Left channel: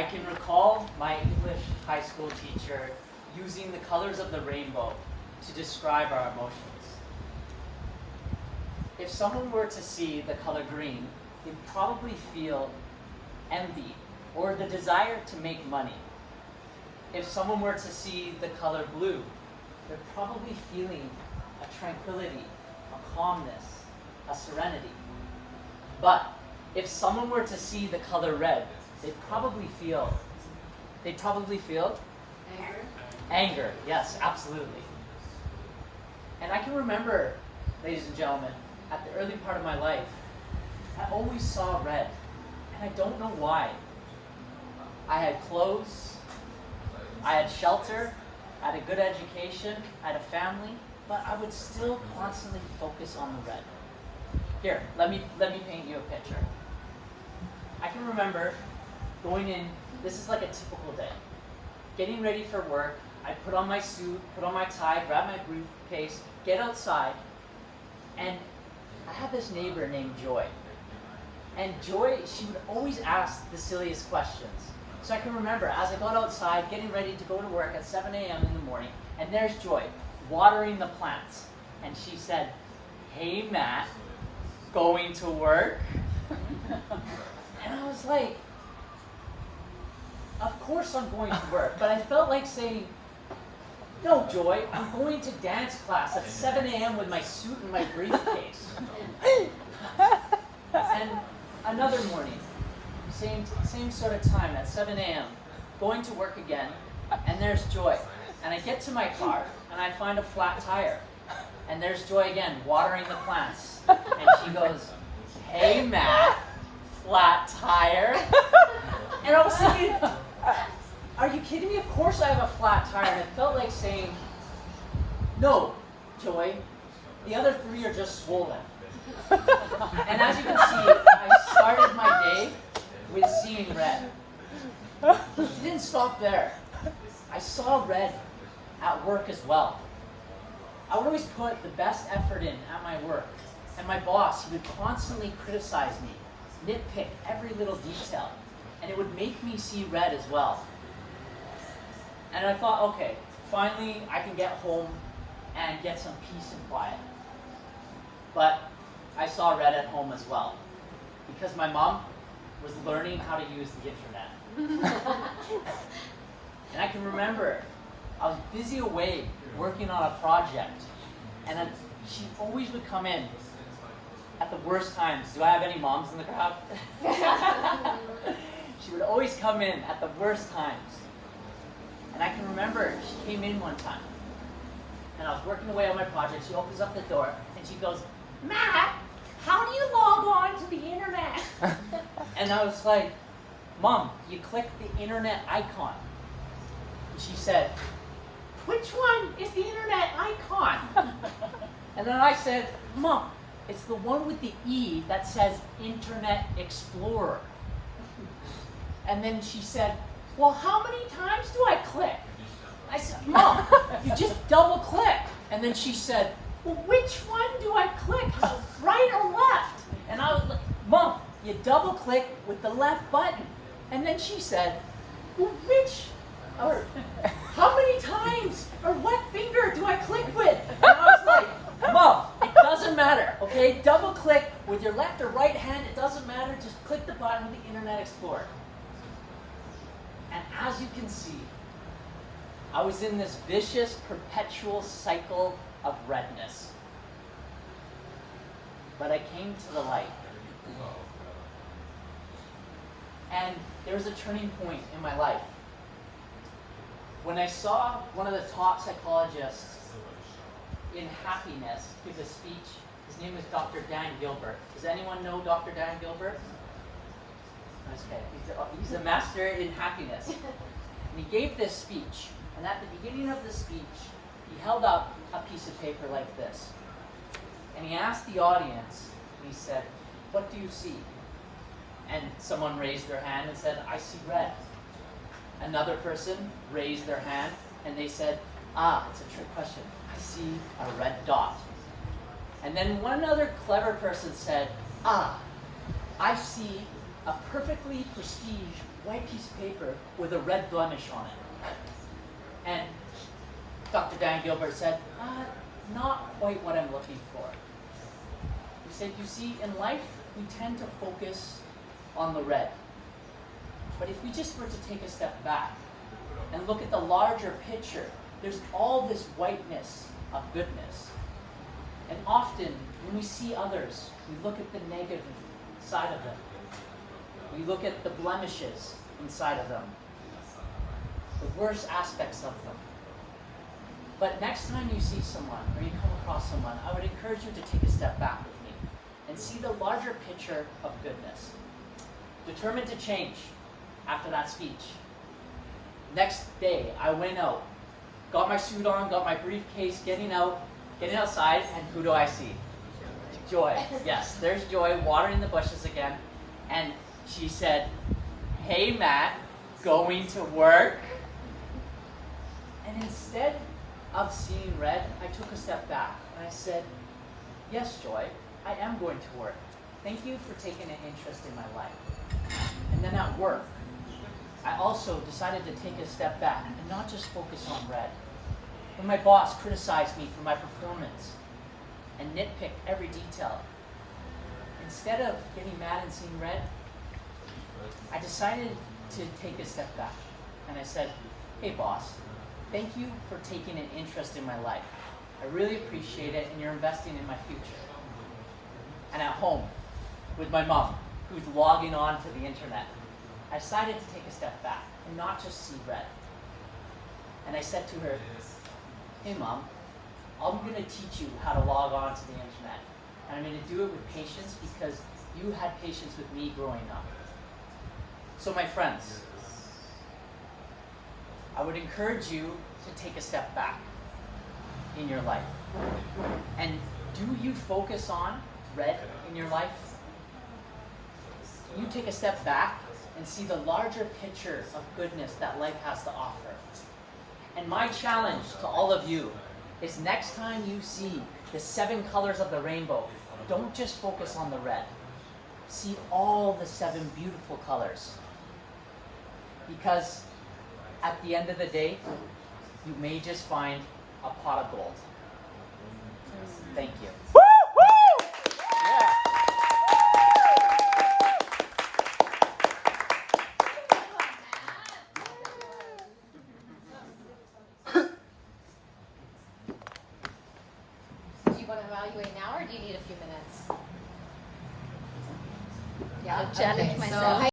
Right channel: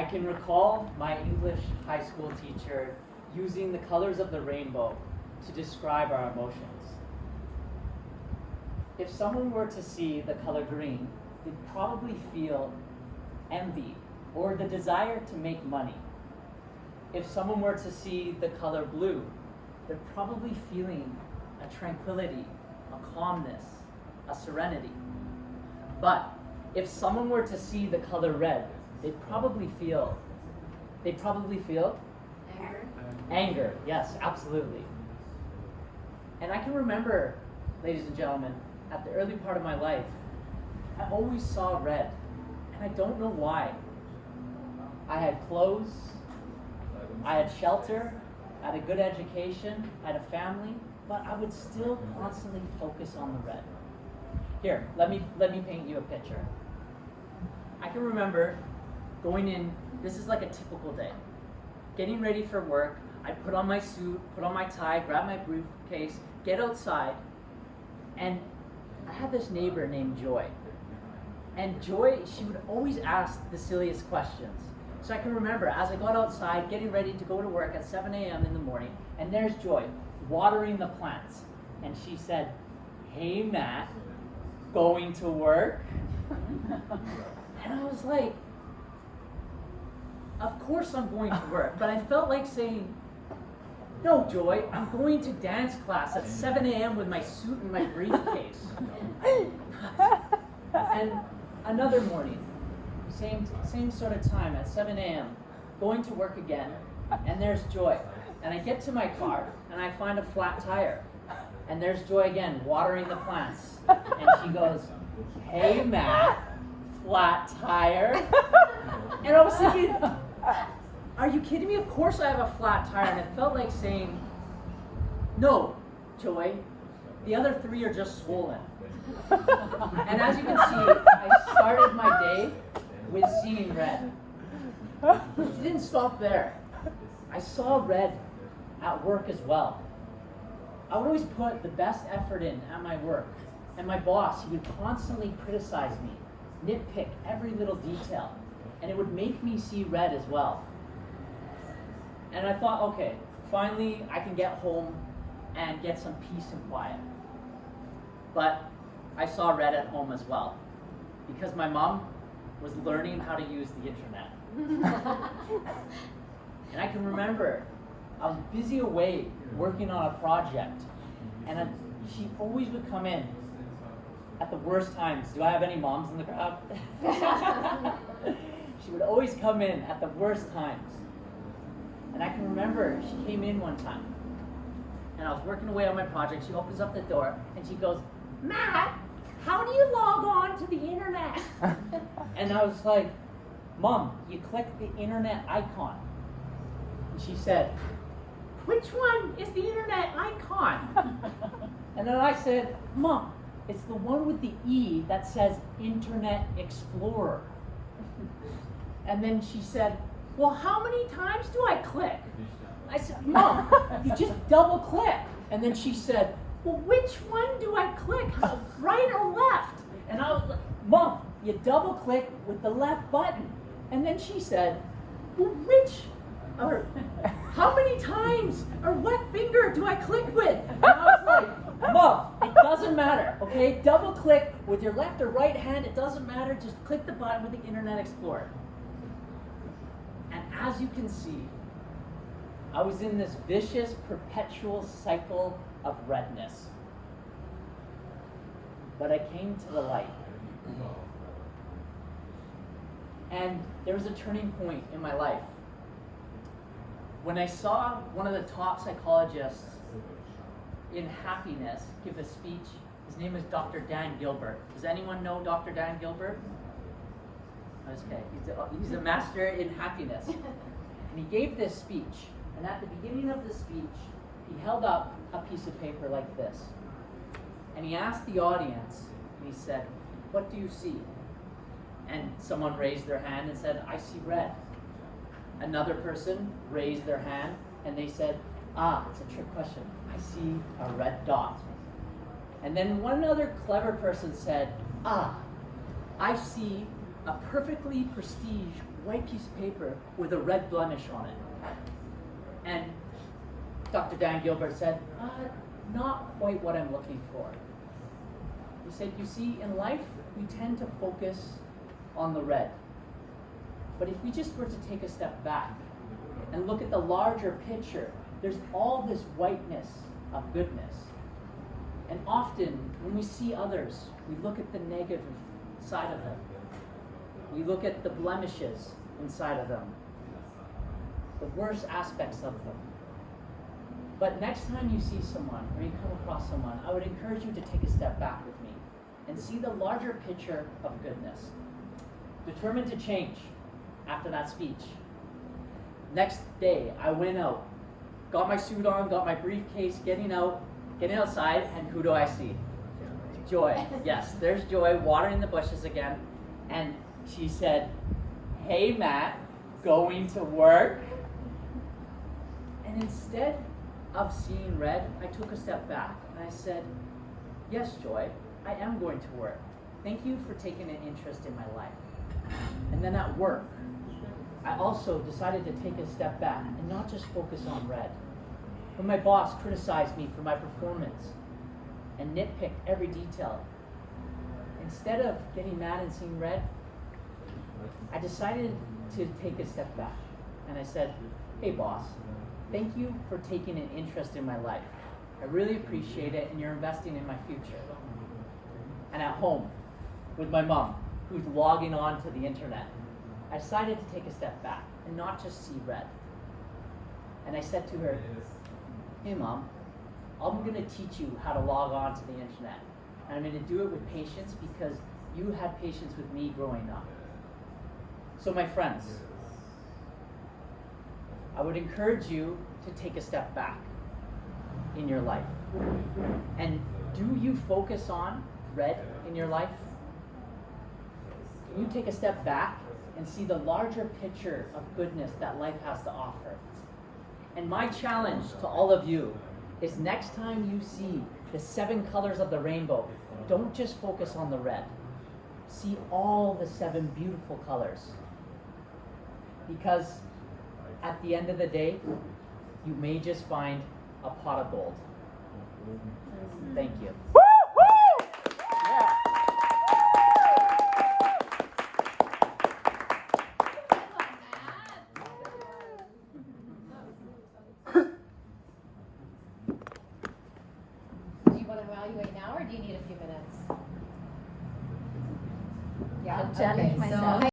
I can recall my English high school teacher using the colors of the rainbow to describe our emotions. If someone were to see the color green, they'd probably feel envy or the desire to make money. If someone were to see the color blue, they're probably feeling a tranquility, a calmness, a serenity. But if someone were to see the color red, they'd probably feel anger. Yes, absolutely. And I can remember, ladies and gentlemen, at the early part of my life, I always saw red, and I don't know why. I had clothes, I had shelter, I had a good education, I had a family, but I would still constantly focus on the red. Here, let me paint you a picture. I can remember going in, this is like a typical day. Getting ready for work, I put on my suit, put on my tie, grab my briefcase, get outside, and I had this neighbor named Joy. And Joy, she would always ask the silliest questions. So I can remember, as I got outside, getting ready to go to work at 7 a.m. in the morning, and there's Joy, watering the plants. And she said, "Hey Matt, going to work?" And I was like, of course I'm going to work, but I felt like saying, "No, Joy, I'm going to dance class at 7 a.m. with my suit and my briefcase." And another morning, same sort of time at 7 a.m., going to work again, and there's Joy. And I get to my car, and I find a flat tire. And there's Joy again, watering the plants. And she goes, "Hey Matt, flat tire?" And I was thinking, are you kidding me? Of course I have a flat tire. And it felt like saying, "No, Joy, the other three are just swollen." And as you can see, I started my day with seeing red. But it didn't stop there. I saw red at work as well. I would always put the best effort in at my work. And my boss, he would constantly criticize me, nitpick every little detail. And it would make me see red as well. And I thought, okay, finally I can get home and get some peace and quiet. But I saw red at home as well, because my mom was learning how to use the internet. And I can remember I was busy away working on a project, and she always would come in at the worst times. Do I have any moms in the crowd? She would always come in at the worst times. And I can remember she came in one time, and I was working away on my project. She opens up the door, and she goes, "Matt, how do you log on to the internet?" And I was like, "Mom, you click the internet icon." And she said, "Which one is the internet icon?" And then I said, "Mom, it's the one with the E that says Internet Explorer." And then she said, "Well, how many times do I click?" I said, "Mom, you just double click." And then she said, "Well, which one do I click, right or left?" And I was like, "Mom, you double click with the left button." And then she said, "Well, how many times, or what finger do I click with?" And I was like, "Mom, it doesn't matter, okay? Double click with your left or right hand, it doesn't matter, just click the button with the Internet Explorer." And as you can see, I was in this vicious, perpetual cycle of redness. But I came to the light. And there was a turning point in my life when I saw one of the top psychologists in happiness give a speech. His name is Dr. Dan Gilbert. Does anyone know Dr. Dan Gilbert? Okay, he's a master in happiness. And he gave this speech, and at the beginning of the speech, he held up a piece of paper like this. And he asked the audience, and he said, "What do you see?" And someone raised their hand and said, "I see red." Another person raised their hand, and they said, "It's a trick question. I see a red dot." And then one other clever person said, "I see a perfectly prestige white piece of paper with a red blemish on it. And Dr. Dan Gilbert said, not quite what I'm looking for. He said, you see, in life, we tend to focus on the red. But if we just were to take a step back and look at the larger picture, there's all this whiteness of goodness. And often, when we see others, we look at the negative side of them. We look at the blemishes inside of them, the worst aspects of them. But next time you see someone or you come across someone, I would encourage you to take a step back with me and see the larger picture of goodness. Determined to change after that speech. Next day, I went out, got my suit on, got my briefcase, getting outside, and who do I see? Joy. Yes, there's Joy watering the bushes again. And she said, hey Matt, going to work? And instead of seeing red, I took a step back and I said, yes, Joy, I am going to work. Thank you for taking an interest in my life. And then at work, I also decided to take a step back and not just focus on red. When my boss criticized me for my performance and nitpicked every detail, instead of getting mad and seeing red, I decided to take a step back. And I said, hey boss, thank you for taking an interest in my life. I really appreciate it, and you're investing in my future. And at home, with my mom, who's logging on to the internet, I decided to take a step back and not just see red. And I said to her, hey mom, I'm gonna teach you how to log on to the internet. And I'm gonna do it with patience because you had patience with me growing up. So my friends, I would encourage you to take a step back in your life. And do you focus on red in your life? Can you take a step back and see the larger picture of goodness that life has to offer? And my challenge to all of you is next time you see the 7 colors of the rainbow, don't just focus on the red. See all the 7 beautiful colors. Because at the end of the day, you may just find a pot of gold. Thank you. Do you want to evaluate now, or do you need a few minutes? Yeah, I'll challenge myself.